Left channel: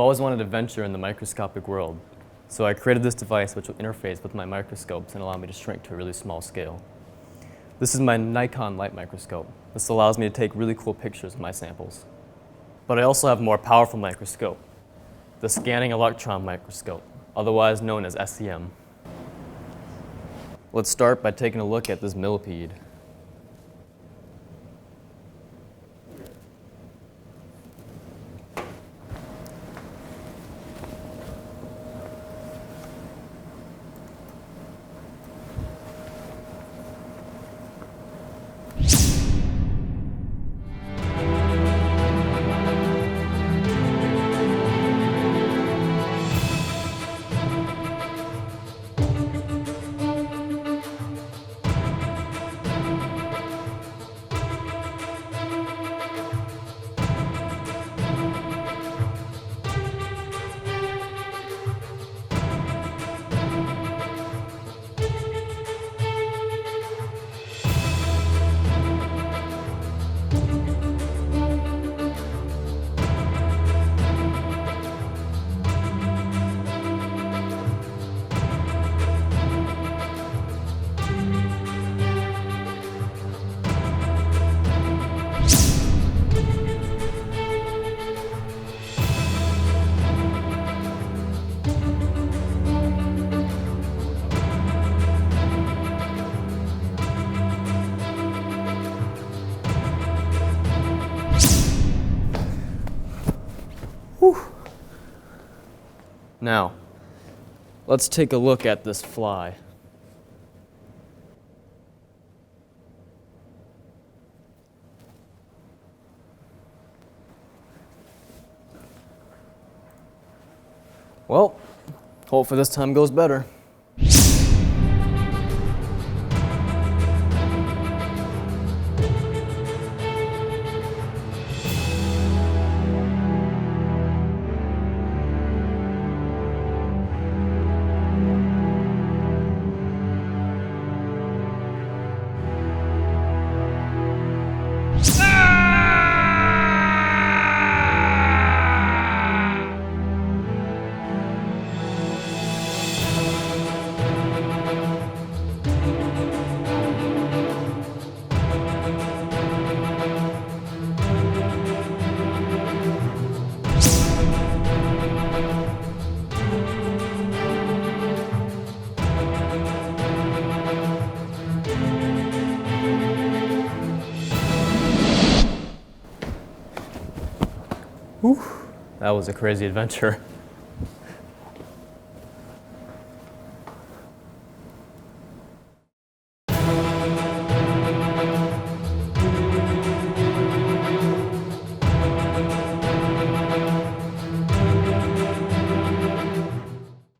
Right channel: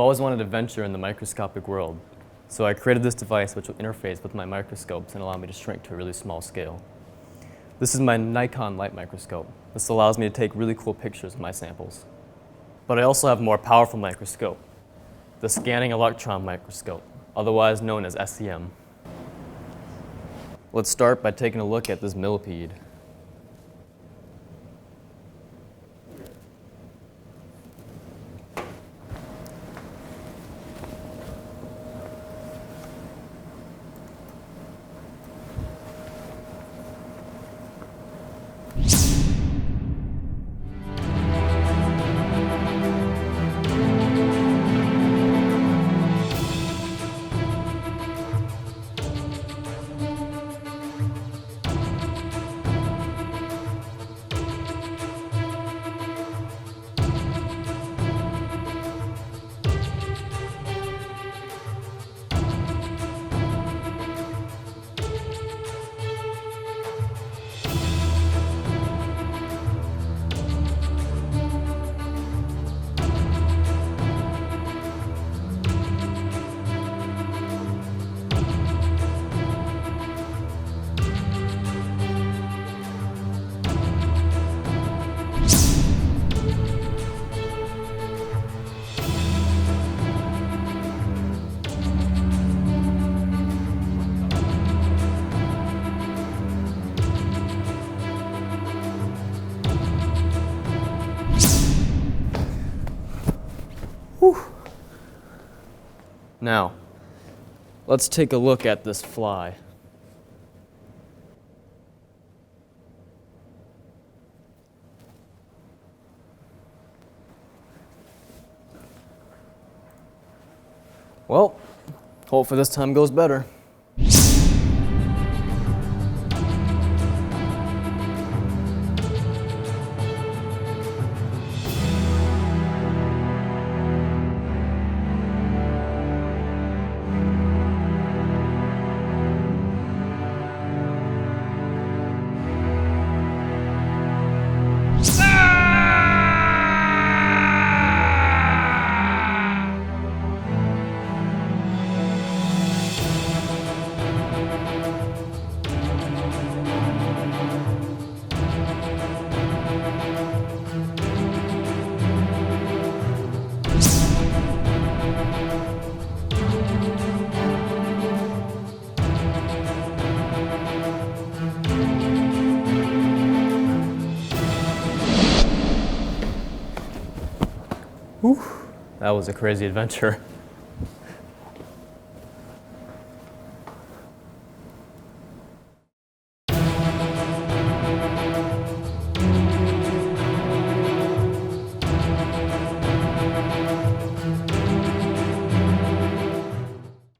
always wanted to venture in the microscopic world, so I created this device which will interface with my microscopes and allow me to shrink to a really small scale. This is my Nikon light microscope. This allows me to take really cool pictures of my samples. But I also have a more powerful microscope, the scanning electron microscope, otherwise known as SEM. Let's start by taking a look at this millipede. Whew. Now, let's take a look at this fly. Well, hopefully this time goes better. Whew, that was a crazy adventure.